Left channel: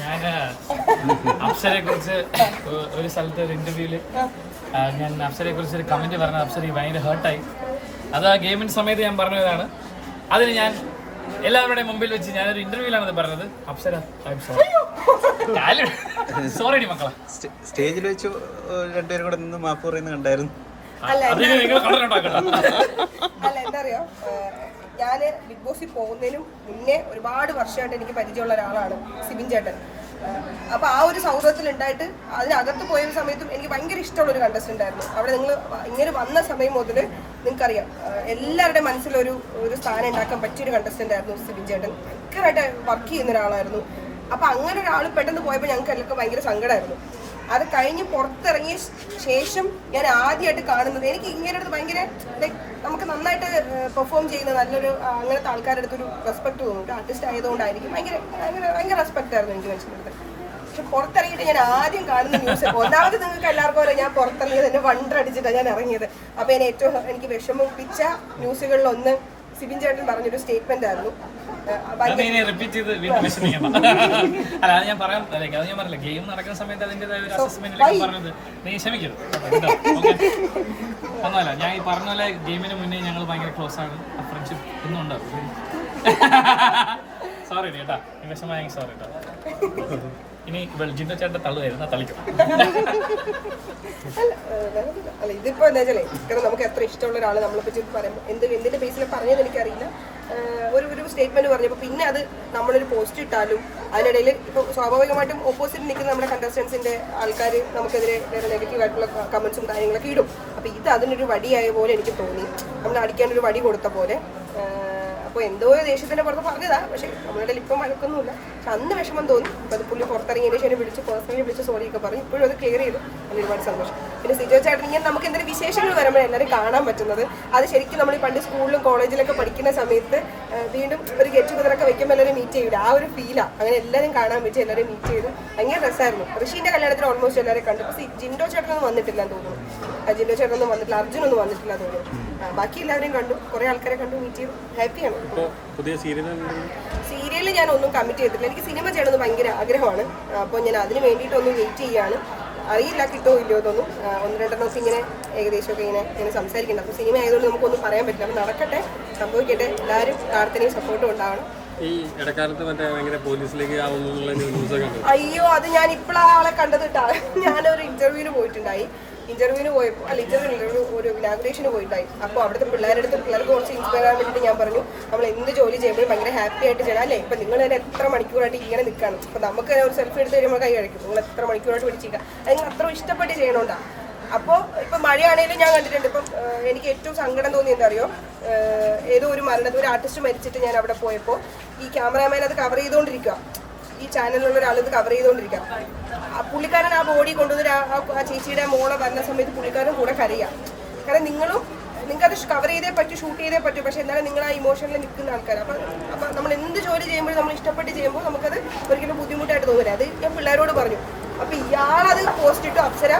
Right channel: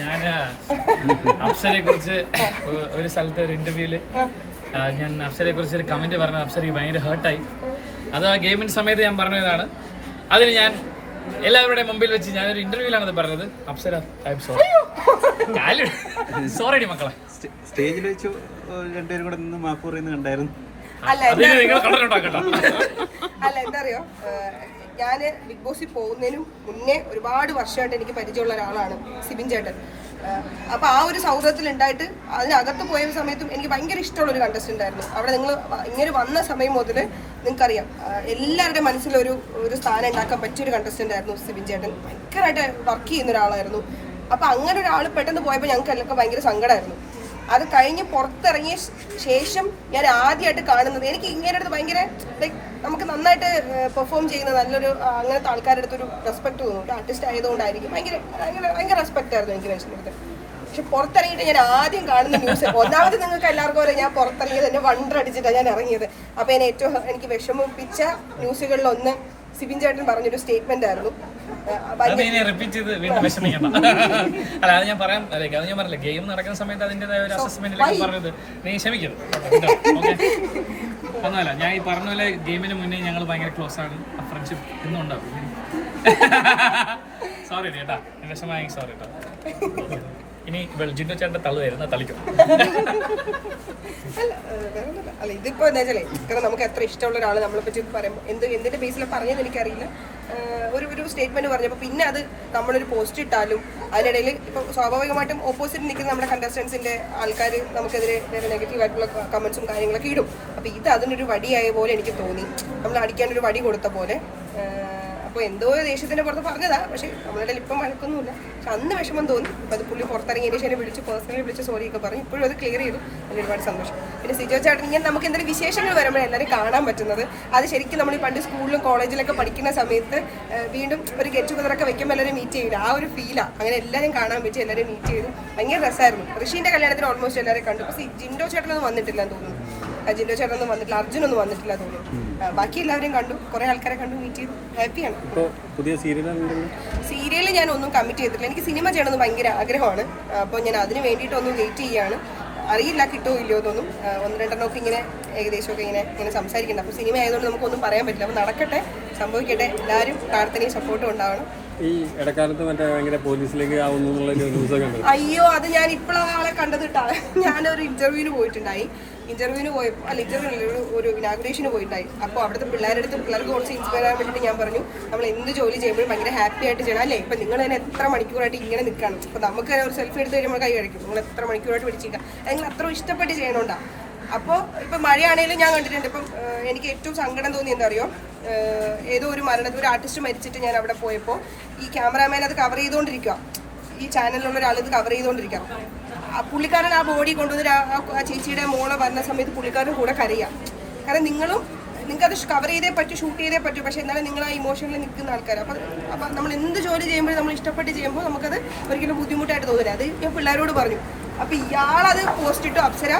ഞാൻ അപ്സരയെ കുറിച്ച് ഒരു സ്ഥലത്തെ ഒരു ഇന്റർവ്യൂല് ഞാൻ അപ്സരയെ കുറിച്ച് ഒരു കമന്റ് പറഞ്ഞ അപ്സരയ്ക്ക് ഭയങ്കര ഹേർട്ടായി. അത് ആ ഗെയിമിന്റെ സമയത്ത് ഞാൻ പറഞ്ഞതാണ്. അതിന് ഞാൻ എല്ലാവരുടെയും മുമ്പിൽ വെച്ച് ഞാനൊരു ഇന്റർവ്യൂലാണ് അത് പറഞ്ഞത്. അപ്സര സോറി മക്കളെ. സ്റ്റേജിൽ വെച്ച് രണ്ടുപേരും കൂടെ നിന്ന് മാപ്പ് പറയുന്നത് കണ്ടായിരുന്നു. അല്ല എന്താ അറിയോ, ഞാൻ ബിഗ് ബോസിൽ പോകുന്നതിനും മുന്നേ ഒരുപാട് വർഷമായിട്ട് എനിക്ക് പരിചയമുള്ള ഒരാളാണ് സിബിൻ ചേട്ടൻ. അപ്പൊ ആ ഒരു സൗഹൃദത്തിൽ ഉണ്ടായിട്ട് അതിനകത്ത് പോയ സമയത്തും എനിക്ക് ഭയങ്കര ഇഷ്ടമുള്ള ഒരു കണ്ടസ്റ്റന്റ് ആയിരുന്നു. അവിടെ നിങ്ങൾ ഇങ്ങനെ വന്ന സമയം മുതൽ നിങ്ങൾക്കറിയാം എല്ലാവരുടെ മനസ്സിലൊരു സ്ഥാനം ഉണ്ടാക്കാൻ പറ്റിയൊരു കണ്ടസ്റ്റന്റ് ആയിരുന്നു സിബിൻ ചേട്ടൻ. ഭയങ്കരമായിട്ട് വർക്ക് ചെയ്യുന്ന ഒരാളായിരുന്നു. അപ്പൊ അങ്ങനെ ഒരാൾ പെട്ടെന്ന് പോയപ്പോൾ ഞങ്ങൾക്ക് എല്ലാം ഭയങ്കര സങ്കടമായിരുന്നു. അത് കഴിഞ്ഞ് പുറത്തിറങ്ങിയ ശേഷം ഞാൻ ആദ്യമായിട്ട് കാണുന്നത് എനിക്ക് ഇങ്ങനെ അടുത്ത് ഭയങ്കര നമുക്ക് നന്നായിട്ട് പെർഫോം ചെയ്യുന്ന നല്ലൊരു അങ്ങനത്തെ ആൾക്കാരുടെ അടുത്തൊരു റെസ്പെക്ട് തോന്നും. ഒരു ആർട്ടിസ്റ്റ് ആയതുകൊണ്ടായിരിക്കും ഭയങ്കര റെസ്പെക്ട് ആയിരുന്നു എനിക്ക് മനുഷ്യൻ്റെ അടുത്ത്. പക്ഷെ പുറത്തിറങ്ങിയിട്ട് ഞാൻ ആദ്യം കാണുന്ന ന്യൂസ്, ഒന്നാമത് നിങ്ങൾക്ക് എല്ലാവർക്കും അറിയാം ഞാൻ പുറത്തിറങ്ങിയത് എന്നെ വണ്ടടിച്ചിട്ടാണ് ഞാൻ ഇറങ്ങിയത്. അപ്പോൾ എനിക്ക് വിഷമിപ്പിച്ച ന്യൂസുകളിലൊന്ന് സിബിൻ ചേട്ടൻ പറഞ്ഞൊരു സ്റ്റേറ്റ്മെന്റ് ആയിരുന്നു. അല്ല അത് ഞാൻ പറയാം, അത് ഞാൻ പറഞ്ഞില്ല, ഗെയിം നടക്കുന്ന സമയത്ത് അതിൻ്റെതായ ഒരു അസസ്മെന്റിൽ പറഞ്ഞത് നീ ക്ഷമിക്കരുത്. ഒന്നുമല്ല, ഞാൻ ഈ പറഞ്ഞ പോലെ ഗെയിമിന് മുന്നേ ഞങ്ങൾ ഭയങ്കര ക്ലോസ് ആണ്. ഫ്രണ്ട്ഷിപ്പ് ഇന്നും ഉണ്ടാവും. സോറി കേട്ടാ, വിഷമമായി സോറി കേട്ടോ. ഇനി ജിൻഡോ ചേട്ടൻ്റെ തള്ളു വരുന്ന തളിക്കും. അല്ല ഇതിപ്പോ എന്താ വെച്ചാലേ, കാരണം നമുക്ക് എത്ര ഇഷ്ടമുള്ള ഒരാൾ നമ്മളെ പറ്റി പറയുമ്പോൾ എന്തിന്റെ ബേസിൽ പറഞ്ഞത് എനിക്കറിയില്ല. ഒരു സ്റ്റേറ്റ്മെന്റ് പറഞ്ഞപ്പോൾ പിന്നെ അത് നമ്മളൊരു പോസ്റ്റ് ഇട്ടാലും അതിനിടയിൽ ഇപ്പൊ സ്വാഭാവികമായിട്ടും ഓപ്പോസിറ്റ് നിൽക്കുന്ന നമ്മുടെ കണ്ടസ്റ്റൻസിന്റെ ആൾക്കാർ നമുക്കെതിരെ നെഗറ്റീവ് ആയിട്ടുള്ള കമന്റ്സും കാര്യങ്ങളൊക്കെ ഇടും. അപ്പൊ ഇത് അതിനൊരു വടിയായ പോലെ എനിക്ക് തോന്നി, നമ്മൾ അടിക്കാനൊരു വടി കൊടുത്ത പോലെ. അപ്പോൾ എന്തോ ദേഷ്യത്തിന്റെ പുറത്ത് പറഞ്ഞതാ, പക്ഷെ നമ്മളുടെ ഇപ്പം വഴക്കൊന്നുമില്ല. പക്ഷെ അന്ന് വിഷമം തോന്നി. അപ്പം അത് പുള്ളി പുറത്തിറങ്ങിയതിന് ശേഷം വിളിച്ച് പേഴ്സണലി വിളിച്ച് സോറിയൊക്കെ പറഞ്ഞു. ഇപ്പോഴും അത് ക്ലിയർ ചെയ്തു. അതിന് ഒരുപാട് സന്തോഷം. പിന്നെ സിജോ ചേട്ടൻ ഇങ്ങനെ നമുക്ക് എന്തെങ്കിലും വിശേഷങ്ങൾ വരുമ്പോൾ എല്ലാവരും കാണാൻ പറ്റുന്നത്, അത് ശരിക്കും നമ്മൾ ഈ പണ്ട് സ്കൂളിലും കോളേജിലൊക്കെ പഠിക്കുന്ന സമയത്ത് വീണ്ടും ഒരു ഗെറ്റ് ടുഗദറൊക്കെ വെക്കുമ്പോൾ എല്ലാവരും മീറ്റ് ചെയ്യില്ല, ആ ഒരു ഫീലാണ്. അങ്ങനെ എല്ലാവരും കാണാൻ പറ്റി, എല്ലാവരും മീറ്റ് ചെയ്തു. ഭയങ്കര രസമായിരുന്നു. ഋഷീൻ്റെ കല്യാണത്തിന് ഓൾമോസ്റ്റ് എല്ലാവരും കണ്ടു. അപ്പോൾ ജിൻഡോ ചേട്ടനൊന്നും വന്നിട്ടില്ല എന്ന് തോന്നുന്നു. ജിൻഡോ ചേട്ടനൊന്നും വന്നിട്ടില്ല, അർജുനൊന്നും വന്നിട്ടില്ല തോന്നുന്നു. ബാക്കി എല്ലാവരെയും കണ്ടു, കുറേ ആൾക്കാരെ കണ്ടു, മീറ്റ് ചെയ്തു. ഹാപ്പിയാണ്. സീരിയൽ ഞാൻ ഒന്നും കമ്മിറ്റ് ചെയ്തിട്ടില്ല. എനിക്ക് സിനിമ ചെയ്യണമെന്ന് ഭയങ്കര ആഗ്രഹമാണ്. അപ്പോൾ ഞാൻ അതിന് വേണ്ടിയിട്ടൊന്നും വെയിറ്റ് ചെയ്യാണ്. അറിയില്ല കിട്ടുമോ ഇല്ലയോ എന്നൊന്നും. ഒന്ന് രണ്ടെണ്ണമൊക്കെ ഇങ്ങനെ ഏകദേശമൊക്കെ ഇങ്ങനെ സംസാരിക്കുന്നുണ്ട്. അപ്പോൾ സിനിമ ആയതുകൊണ്ട് നമുക്കൊന്നും പറയാൻ പറ്റില്ല. അപ്പോൾ നടക്കട്ടെ, സംഭവിക്കട്ടെ. എല്ലാവരും പ്രാർത്ഥനയും സപ്പോർട്ടും ഉണ്ടാവണം. ഈ ഇടക്കാലത്ത് ഭയങ്കര പോലീസിലേക്ക് അയ്യോ, അത് ഞാൻ ഇപ്പോഴാ ആളെ കണ്ടത് കേട്ടാ. ഞാനൊരു ഇന്റർവ്യൂവിന് പോയിട്ടുണ്ടായി. ഇന്റർവ്യൂവിന് പോയപ്പോൾ ഒരു ഇനാഗുറേഷന് പോയിട്ടുണ്ടായി. അപ്പോൾ അവിടുത്തെ പിള്ളേർക്ക് കുറച്ച് ഇൻസ്പയർ ചെയ്യാൻ വേണ്ടിയിട്ട് ഞാൻ പറഞ്ഞു, നമ്മൾ എന്ത് ജോലി ചെയ്യുമ്പോഴും ഭയങ്കര ഹാപ്പി ആയിട്ട് ചെയ്യണം അല്ലേ. ഇപ്പം നിങ്ങൾ തന്നെ എത്ര മണിക്കൂറായിട്ട് ഇങ്ങനെ നിൽക്കണം. ഇപ്പം നമുക്ക് തന്നെ ഒരു സെൽഫി എടുത്ത് കഴിയുമ്പോൾ കൈ കഴിക്കും. നിങ്ങൾ എത്ര മണിക്കൂറായിട്ട് പിടിച്ചിരിക്കുക, നിങ്ങൾ അത്ര ഇഷ്ടപ്പെട്ട് ചെയ്യണോണ്ടാ. അപ്പോൾ ഇപ്പം മഴയാണെങ്കിലും ഞാൻ കണ്ടിട്ടുണ്ട്. ഇപ്പം എനിക്ക് ഏറ്റവും സങ്കടം തോന്നി എന്താ അറിയോ, ഏതോ ഒരു ആർട്ടിസ്റ്റ് മരിച്ചിട്ട് ഞാൻ അവിടെ പോയപ്പോൾ ഈ ക്യാമറാമാൻ അത് കവർ ചെയ്തുകൊണ്ടിരിക്കുക. ഈ ചാനലിലുള്ള ഒരാൾ ഇത് കവർ ചെയ്തുകൊണ്ടിരിക്കുക. പുള്ളിക്കാരൻ ആ ബോഡി കൊണ്ടുവന്ന് ആ ചേച്ചിയുടെ മോളെ വരുന്ന സമയത്ത് പുള്ളിക്കാരൻ കൂടെ കരയാം. കാരണം നിങ്ങൾക്കത് കവർ ചെയ്തേ പറ്റൂ, ഷൂട്ട് ചെയ്തേ പറ്റൂ. പക്ഷെ എന്നാലും നിങ്ങൾ ആ ഇമോഷനിൽ നിൽക്കുന്ന ആൾക്കാർ. അപ്പം നമ്മൾ എന്ത് ജോലി ചെയ്യുമ്പോഴും നമ്മൾ ഇഷ്ടപ്പെട്ട് ചെയ്യുമ്പോൾ നമുക്കത് ഒരിക്കലും ബുദ്ധിമുട്ടായിട്ട് തോന്നില്ല. അത് ഞാൻ പിള്ളേരോട് പറഞ്ഞു. അപ്പം ഇയാളത് പോസ്റ്റ് ഇട്ടു. അപ്സര,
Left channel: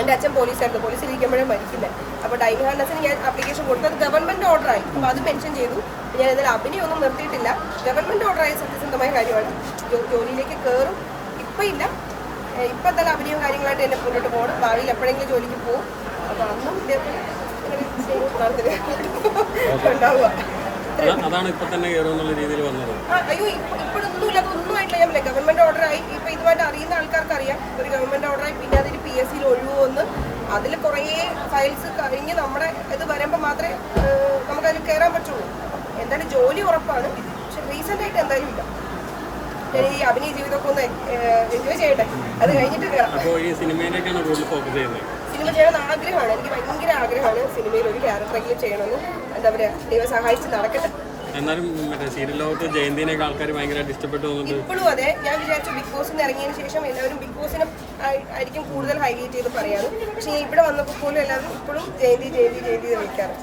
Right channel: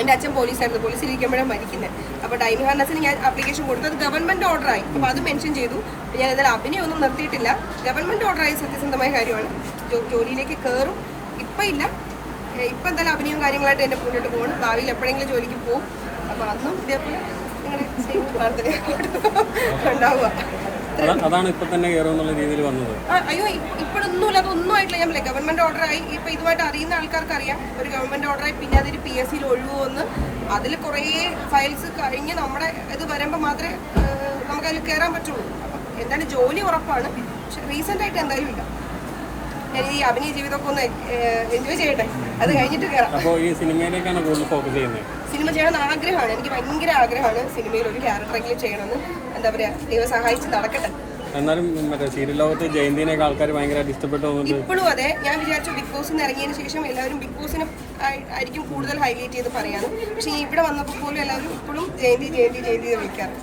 എൻ്റെ അച്ഛൻ പോലീസായിരുന്നു, പോലീസിലിരിക്കുമ്പോഴേ മരിക്കുന്നത്. അപ്പോൾ ടൈം ഹാൻഡസിന് ഞാൻ ആപ്ലിക്കേഷൻ കൊടുത്തത് ഗവൺമെൻറ് ഓർഡറായി. അപ്പോൾ അത് മെൻഷൻ ചെയ്തു. ഞാൻ എന്തായാലും അഭിനയൊന്നും നിർത്തിയിട്ടില്ല. ഗവൺമെൻറ് ഓർഡറായ സത്യസന്ധമായ കാര്യമാണ്. ജോലിയിലേക്ക് കയറും. ഇപ്പം ഇല്ല, ഇപ്പം എന്തായാലും അഭിനയവും കാര്യങ്ങളായിട്ട് എൻ്റെ മുന്നോട്ട് പോകണം. ഭാവിയിൽ എപ്പോഴെങ്കിലും ജോലിക്ക് പോകും. അപ്പോൾ അന്നും ഇതേപോലെ ഇങ്ങനെ സ്നേഹവും പ്രാർത്ഥന ഉണ്ടാവുക. അയ്യോ, ഇപ്പോഴൊന്നുമില്ല, അതൊന്നും ആയിട്ടില്ല. ഞാൻ പറയാം, ഗവൺമെന്റ് ഓർഡറായി. ഇപ്പൊ ഇതുമായിട്ട് അറിയുന്ന ആൾക്കാർക്ക് അറിയാം. ഒരു ഗവൺമെന്റ് ഓർഡറായി. പിന്നെ അതൊരു PSCയിൽ ഒഴിവുവന്ന് അതിൽ കുറേ ഫയൽസ് കഴിഞ്ഞ് നമ്മുടെ ഇത് വരുമ്പോൾ മാത്രമേ നമുക്കതിൽ കയറാൻ പറ്റുള്ളൂ. എന്തായാലും ജോലി ഉറപ്പാണ്. പക്ഷെ റീസെന്റ് ആയിട്ട് എന്തായാലും ഇല്ല. ഞാൻ ഈ അഭിനയ ജീവിതമൊക്കെ ഒന്ന് എൻജോയ് ചെയ്യട്ടെ, അത് കഴിഞ്ഞിട്ട് കയറാം. സിനിമ ചെയ്യണമെന്ന് ആഗ്രഹമാണ്. എനിക്ക് ഭയങ്കര ആഗ്രഹമാണ് സിനിമയിൽ ഒരു ക്യാരക്ടറെങ്കിലും ചെയ്യണമെന്ന്. എന്താ പറയുക, ദൈവം സഹായിച്ച് നടക്കട്ടെ. ഇപ്പോഴും അതെ, ഞാൻ വിചാരിച്ചു ബിഗ് ബോസിൽ നിന്ന് ഇറങ്ങിയതിന് ശേഷം എല്ലാവരും ബിഗ് ബോസിനെ ആയിരിക്കും കൂടുതൽ ഹൈലൈറ്റ് ചെയ്ത് പറയാറ്. പക്ഷെ ഞാൻ ഇവിടെ വന്നപ്പോൾ പോലും എല്ലാവരും ഇപ്പോഴും ജയന്തി വിളിക്കാറ്.